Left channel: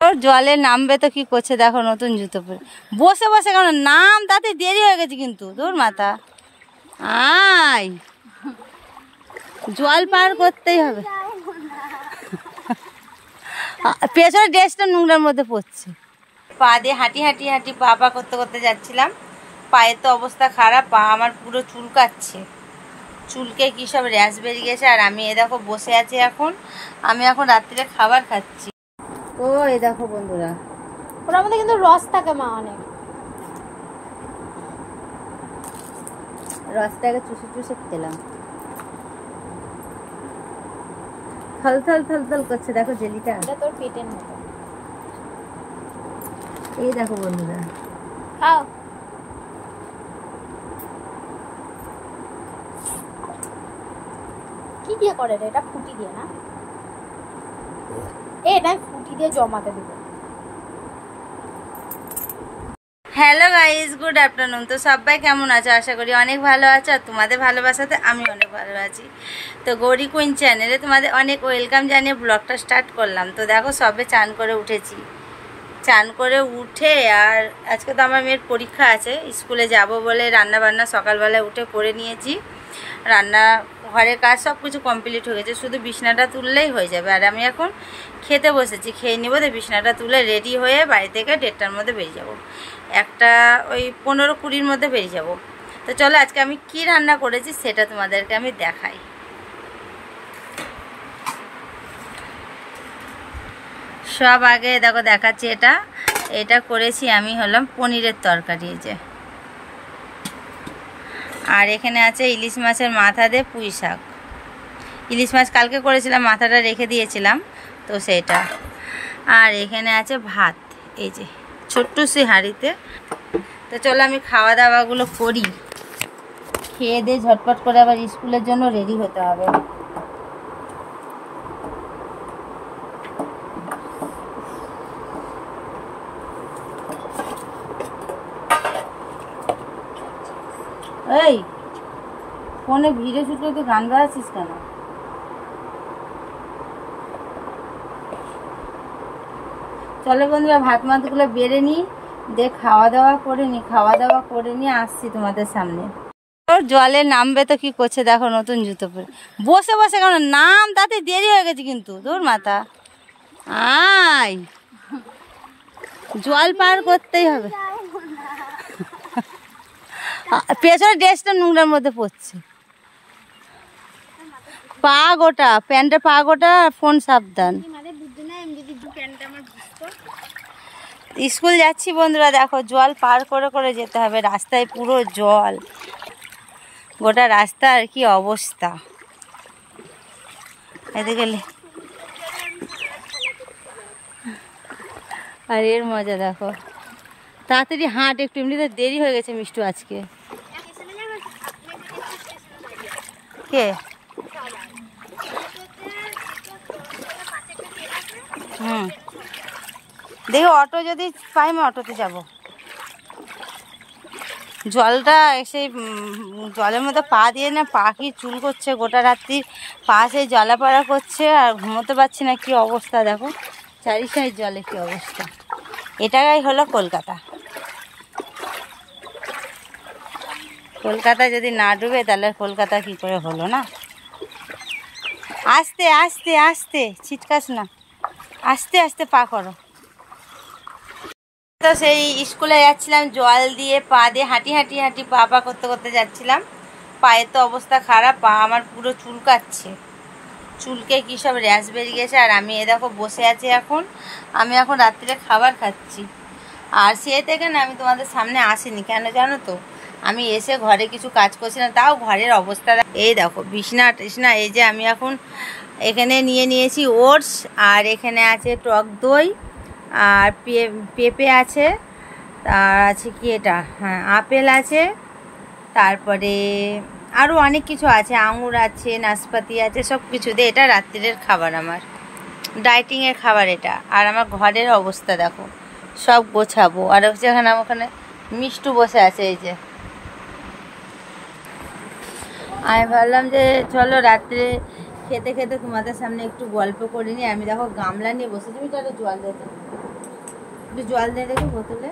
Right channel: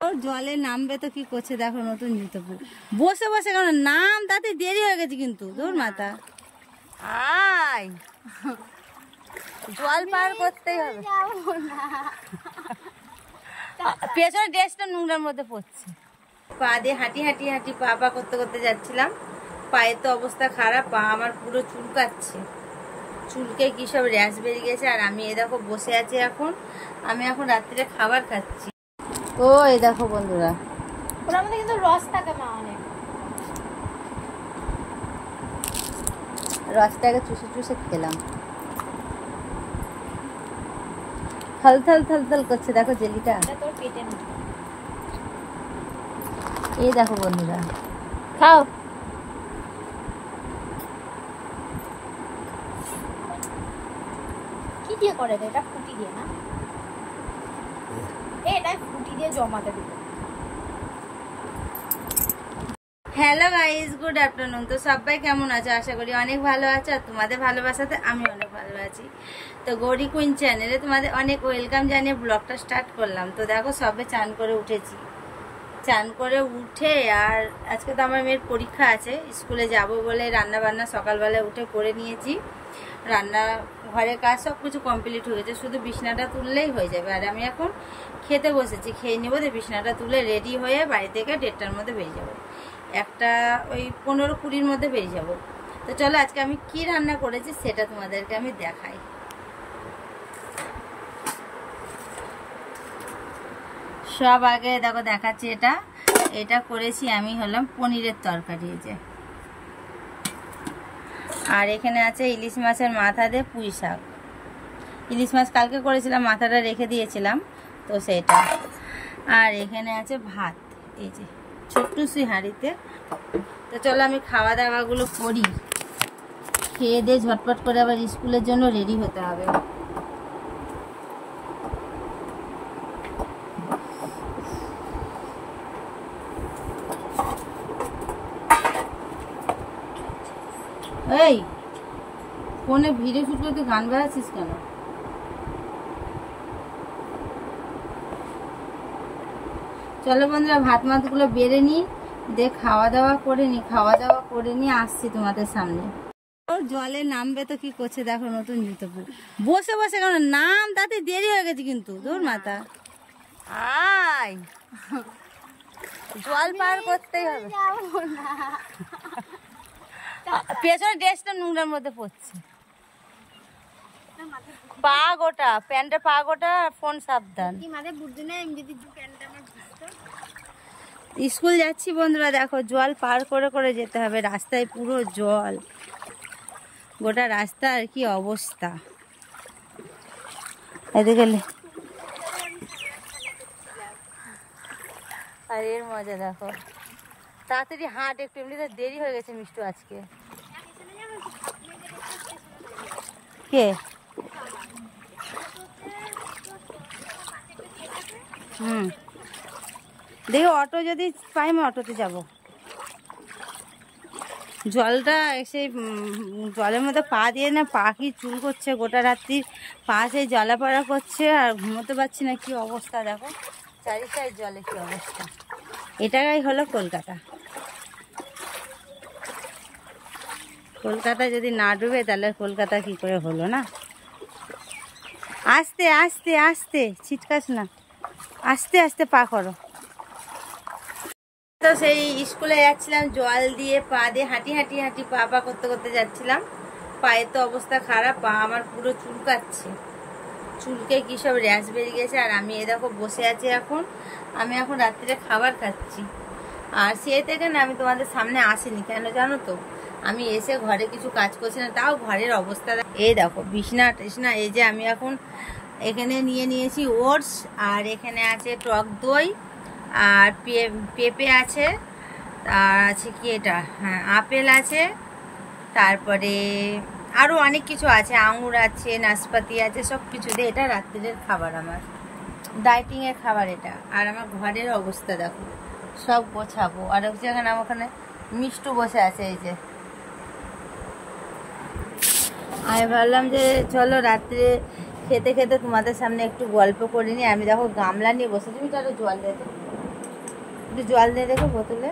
ওর জলে নামবে তো কি করছে দেখো, নতুন জুতো পরে বসে বসে কেন নাম, তাতে দেরি হয়ে গেছে কিন্তু। তোর মাথা আয়, জল পার করতেই হবে। পেছনে ড্রেসটা নোংরার মধ্যে পড়ছে। পা দিয়ে হাঁটি হাঁটি হাঁটি পা পা করতে করতে যাচ্ছিলাম। পায়ের তো অবস্থা খারাপ, পা আমার পুরো চুলকাচ্ছে, চুলকে কি সব র্যাশ বেরিয়ে গেছে। আর আমি এ দেখো বসে আছি এখন, আমি এখন রাত্রিরে খাবার খাচ্ছি। ও এই দেখো বন্ধুরা, ওর মধ্যে কিন্তু রস থাকে মা, অনেক রসটাকে চুষে চুষে খেলাম। থল থল থল থল করছে দেখো জেলিটা। তোর পেটে না, এই দেখো বন্ধুরা, খাও। কি দিয়ে করে রে এটা? ফুটি দিয়ে না, এটা ফুটি দিয়ে জমাতে দেবে। Hello guys, good afternoon. তো সবাই কেমন আছো? আশা করি অনেক ভালো আছো, আর তোমাদের ভালোবাসাতে আমি অনেক ভালো আছি। তো গৌরী কুইন চ্যানেলে তোমাদের অনেক ওয়েলকাম জানিয়ে ব্লগটা স্টার্ট করলাম। তো দেখো সবে চান করে উঠেছি, চান করে উঠে আর আজকে তো আমার মেয়ের পরীক্ষা আছে, স্কুলে যাব বলে রান্না বান্না সকালবেলা উঠে করে নিয়েছি। রান্না ঘরের কাজ সব কিছু কমপ্লিট হয়ে গেছে, শুধু বিছনাটা তুললেই হয়ে যাবে। আর আমি এখন খেতে বসেছি, খেয়ে নেবো। তো বিছনাটা তুলে রেডি হয়ে বাড়ি থেকে 1:30টার মধ্যে বেরিয়ে যাব, একটা ওই 15-20-র মধ্যে বেরিয়ে যাব। তো চলো আজকে আমি কি রান্না করেছি সেটা তোমাদেরকে আমি দেখাই। সব আগে দেখো দেখাচ্ছি, এটা করেছি আমি হলাম পনিরের তরকারি, এই যে। আর এখানে আছে ইলিশ মাছের মাথা দিয়ে পুঁই শাক। ইলিশ মাছ কালকে করেছিলাম, মাথাটা রেখে দিয়েছিলাম তো সেটা। আর এখানে আছে ভাত, এই যে ছোট্ট সে হাঁড়িতে। তো চলো আমি খাওয়া দাওয়াগুলো করি, খেয়ে দিয়ে ঝটপট করে আবার স্কুলের জন্য রেডি হতে হবে। এই ফোনে ভিডিও শুট করতে গান বাজাচ্ছিস কেন? চলো বন্ধুরা ভাত মাতগুলো বেড়ে নিই, দিয়ে খাওয়া দাওয়া করে নিয়ে আসছি তোমাদের সামনে। ওর জলে নামবে তো কি করছে দেখো, নতুন জুতো পরে বসে বসে কেন নাম, তাতে দেরি হয়ে গেছে কিন্তু। তোর মাথা আয়, জল পার করতেই হবে। পেছনে ড্রেসটা নোংরার মধ্যে পড়ছে, পা গোটা, প্যান্টের পা গোটা, ফোন সাবধান। স্কুল যাচ্ছি বন্ধুরা, দেখো জল পার করে করে যেতে হবে, রাস্তায় পুরো জল, গোটা রাস্তা আর কি অবস্থা। এদিকে আর এর মজা দেখো, তাড়াতাড়ি হাঁট একটু, এমনিতে দেরি হয়ে গেছে মিষ্টু আজকে। কে? দেখি অটো যদি পাই আমি অটোতে যাব। জলটা এসে জলের মধ্যে পা দিয়ে না, পা কি চুল করছে, গোটা রাত্রি পা সেই জলাপাড়া করছে, আর ঘুমোতে পারছি না। কি অবস্থা দেখো, চারি সাইড জলে কি অবস্থা। এটাই হলো কলকাতা। কলকাতা যদি না ডুবে তাহলে কলকাতা কি করে হলো না। আস্তে আস্তে আস্তে, ছিটকাস না, আস্তে আস্তে পা করো। তো সেই স্কুলে যাচ্ছিলাম, জল দিয়ে পা দিয়ে হাঁটি হাঁটি হাঁটি পা পা করতে করতে যাচ্ছিলাম। পায়ের তো অবস্থা খারাপ, পা আমার পুরো চুলকাচ্ছে, চুলকে কি সব র্যাশ বেরিয়ে গেছে। আর আমি এ দেখো বসে আছি এখন, আমি এখন রাত্রিরে খাবার খাচ্ছি। আর সে থেকে না আমি তোমাদের সামনে আসিনি, কেন জানো তো? আমি এসে ঘরে কিছু কাজ করছি না, তাও ঘরের অবস্থা এই দেখো, বিছনা টিছনা। এই যে আমি এখন এখানে নিয়ে নিয়েছি ওটস, আর এখানে আছে টক দই, আর পেঁপে আছে, আর আছে কি এটা, হ্যাঁ আপেল আছে, তারপরে আরও অনেক কিছু আছে, আঙুর আছে, নাশপাতি আছে, সব কিছু দিয়ে এটা রাত্রিরের খাবার, আমার ডায়েটিংয়ের খাবার এটা। আর আমার ঘরের অবস্থা দেখো, সব গোছাবো। আর যেখানে ওখানে মিষ্টু বসে আছে, এই যে। আমি ভাবলাম যে চলো রাত্রে খেতে খেতে তোমাদের সামনে একটু গল্প করে নিই। আমি দেখো গামলা নিয়ে বসে, তুমি তো জল দিতে একটু জল দিয়ে রেখে বোতলে।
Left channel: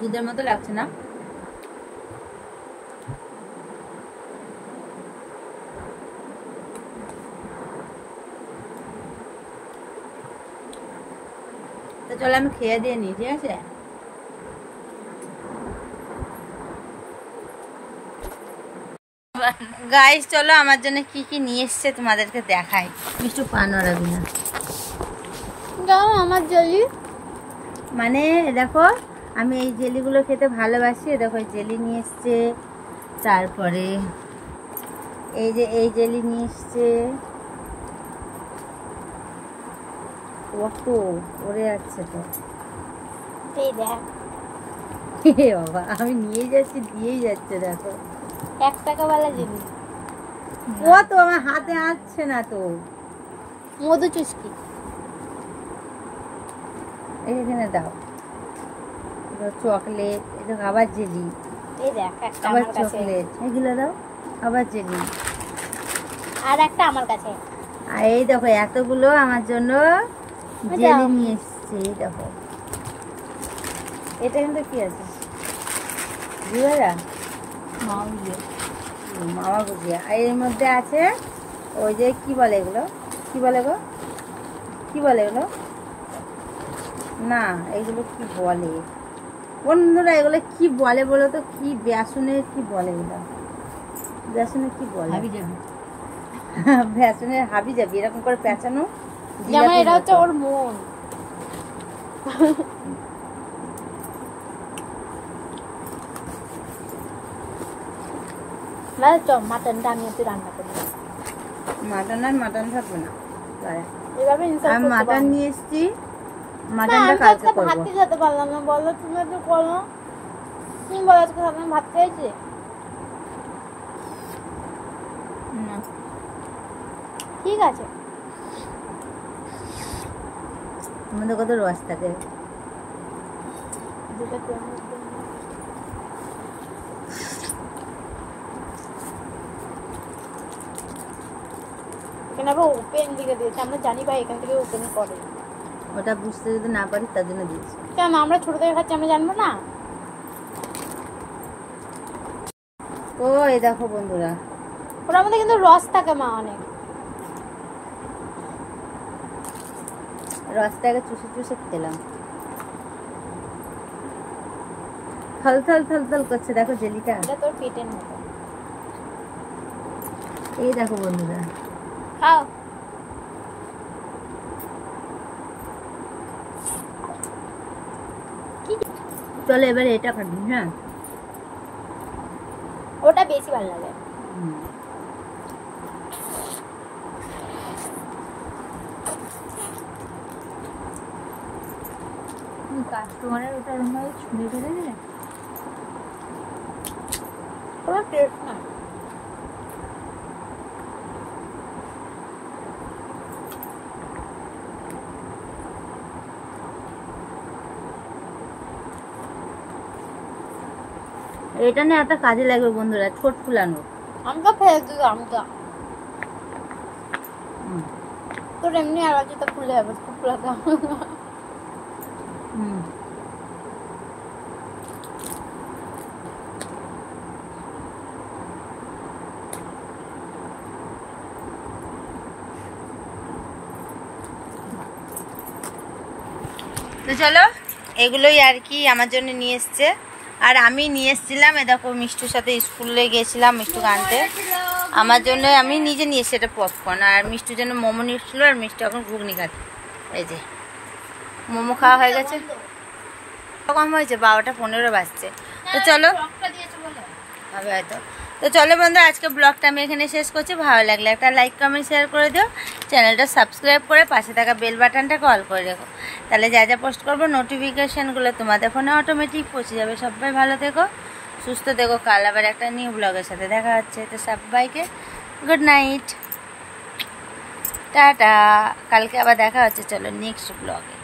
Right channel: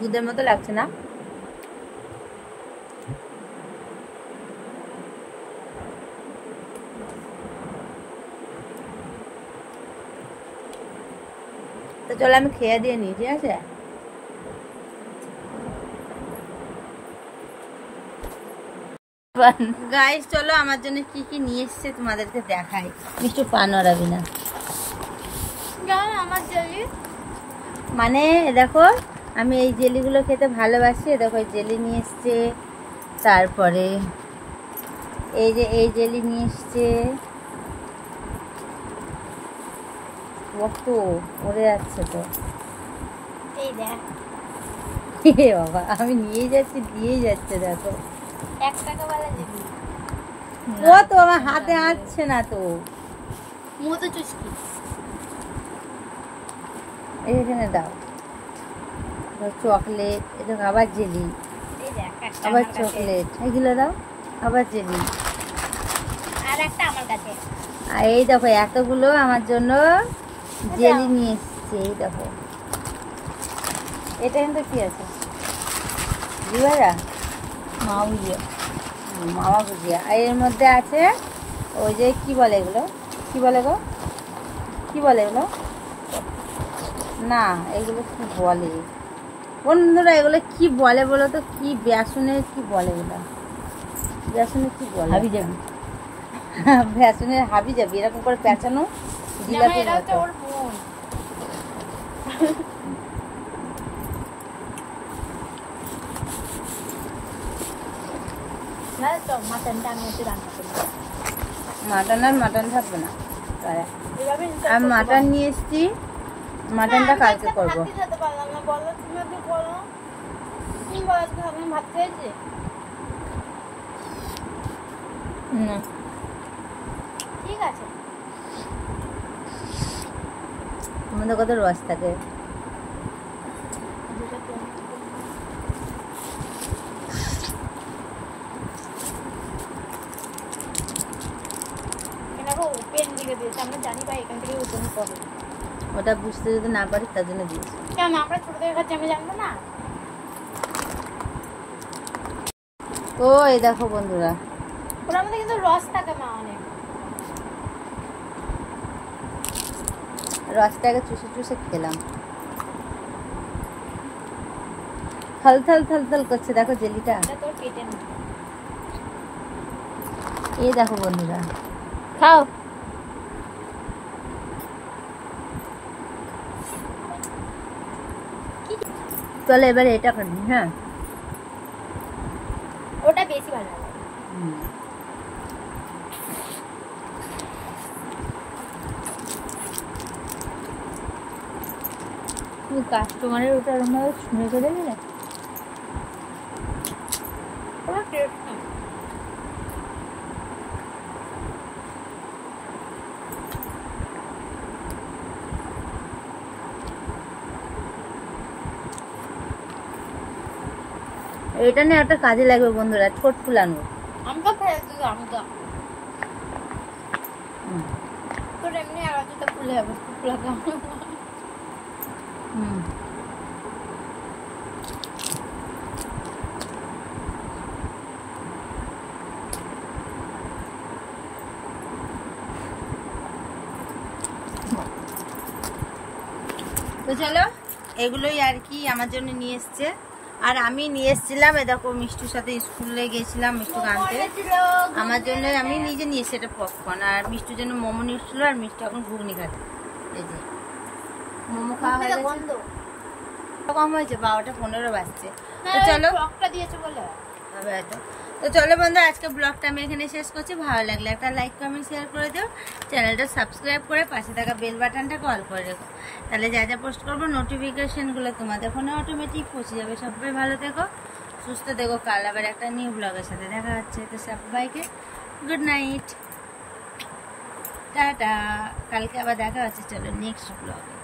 দুধের মতো লাগছে না? তো চলো আমি খেয়ে দিয়ে নিই, ঠিক আছে? গাইস চলো আমার জন্য কি কি নিয়ে এসছে তোমাদেরকে দেখাই। মিষ্টু পা নড়াবি না। আমার জেলি মানে দেখো আমি এই জেলিগুলো খেতে ভালোবাসি। দেখো এই জেলি নিয়ে এসছে, তারপরে এই যে এই জেলি নিয়ে এসছে। কত পড়ে যাচ্ছে তো। এই দেখ বাবা আমি নিয়েই যাচ্ছি, দিয়েই যাচ্ছে। দেখো 1 টাকা वाला জেলি। ও তো আমার হাতে আসছে না তো। মধু চুস্কি এখানে দাও। চকলেট, এটা আবার জেলি, এই দেখ একটা আবার আমার কাছে। চকলেট, এগুলো দাও, আবার জেলি। আর একটা আমার কাছে। আর এই দেখো এতগুলো আমার জন্য জেলি নিয়ে এসছে। এই দেখো এটা কিন্তু কি আছে? জিবারা মামা গুজিয়া। আর এর মধ্যে আছে ওই যে কি বলে এগুলো, কি বলে গো, কি বলে এগুলো? না এগুলো কি বলে বন্ধুরা, এগুলো কি বলে বলো তো? কি বেসনের কি বলে এগুলো? বেসনের কি বলে? বেসনের হাবি যাবি এরকম করে পেঁচানো জিলাপি। এটা হচ্ছে ওর মন। না তো মাটনটা আমি একটু রান্না করব। মাটন আর মাটন থাকবে না। এভাবে আমি মাটন নিয়ে এসেছি, মাটনটা কালকে করবো। ভাত খেতে পারলাম না, বলো তুমি একটু বলো। তুমি বলো আজকে আমি ভাত খেয়েছি। ঠিক আছে আমাদের কত রস থাকে। ওপেন দিকে দিয়েছে, আমরা জানি ভাই এখান থেকে ওপেন করে। ওটা বুঝতে যদি না পারি তার জন্য দিয়েছি। কেন আমরা ছোট থেকে খাচ্ছি, আমি জানবো না? ও এই দেখো বন্ধুরা, ওটার মধ্যে কিন্তু রস থাকে মা অনেক। রসটাকে চুষে চুষে খেলাম। থল থল থল থল করছে দেখো জেলিটা। এটা তোর পেটে না। এই দেখো বন্ধুরা, খাও। চলো এবারে এটা খাবি। হ্যাঁ ওটা বেশি ভালো লাগে। কাস্টমারের ওটা শুনে করে দিলে এটা না একটা কাজে লাগবে বন্ধুরা, ঠোঁট ফুলানো। আমটা ফেলতে দাও, আমটা তোর এমনি আর আজকে ফুলে যাবে, ফুলে দাও। তো চলো এগুলোই আর কি আমার জন্য নিয়ে এসছে। আর আমি নিয়ে এসেছিলাম, এ দেখো মিষ্টুর সাথে স্কুলে গেছিলাম মিষ্টুকে আনতে। আমার জন্য আমি নিজে নিয়ে এসেছি এটা পপকর্ন, আর মিষ্টুর জন্য মোমো নিয়ে এসেছিলো। আর মিষ্টি এখন ঘুগনি খাচ্ছে। এই যে মোমো খাওয়া হয়ে গেছে। কম হয়েছে, 12টা 15 বাজছে। তো চলো হবে হয়তো। তো চলো বন্ধু আজকে ব্লগটা আমি এখানে শেষ করছি। ভালো লাগলে একটা লাইক কমেন্ট শেয়ার করে দিও, চ্যানেলটা সাবস্ক্রাইব করে পাশে থাকা বেল বাটনটাকে অল করে রেখো। তাহলে যা যা পোস্ট করবো নোটিফিকেশানগুলো তোমাদের ফোনে অটোমেটিক পৌঁছে যাবে। সবাই ভালো থেকো, সুস্থ দেখো। কাল আবার একটা নিউ ব্লগের সাথে দেখা হচ্ছে। তো সবাইকে গুড নাইট, টাটা। কালকে আবার দেখা হচ্ছে, চলো নেক্সট ব্লগে।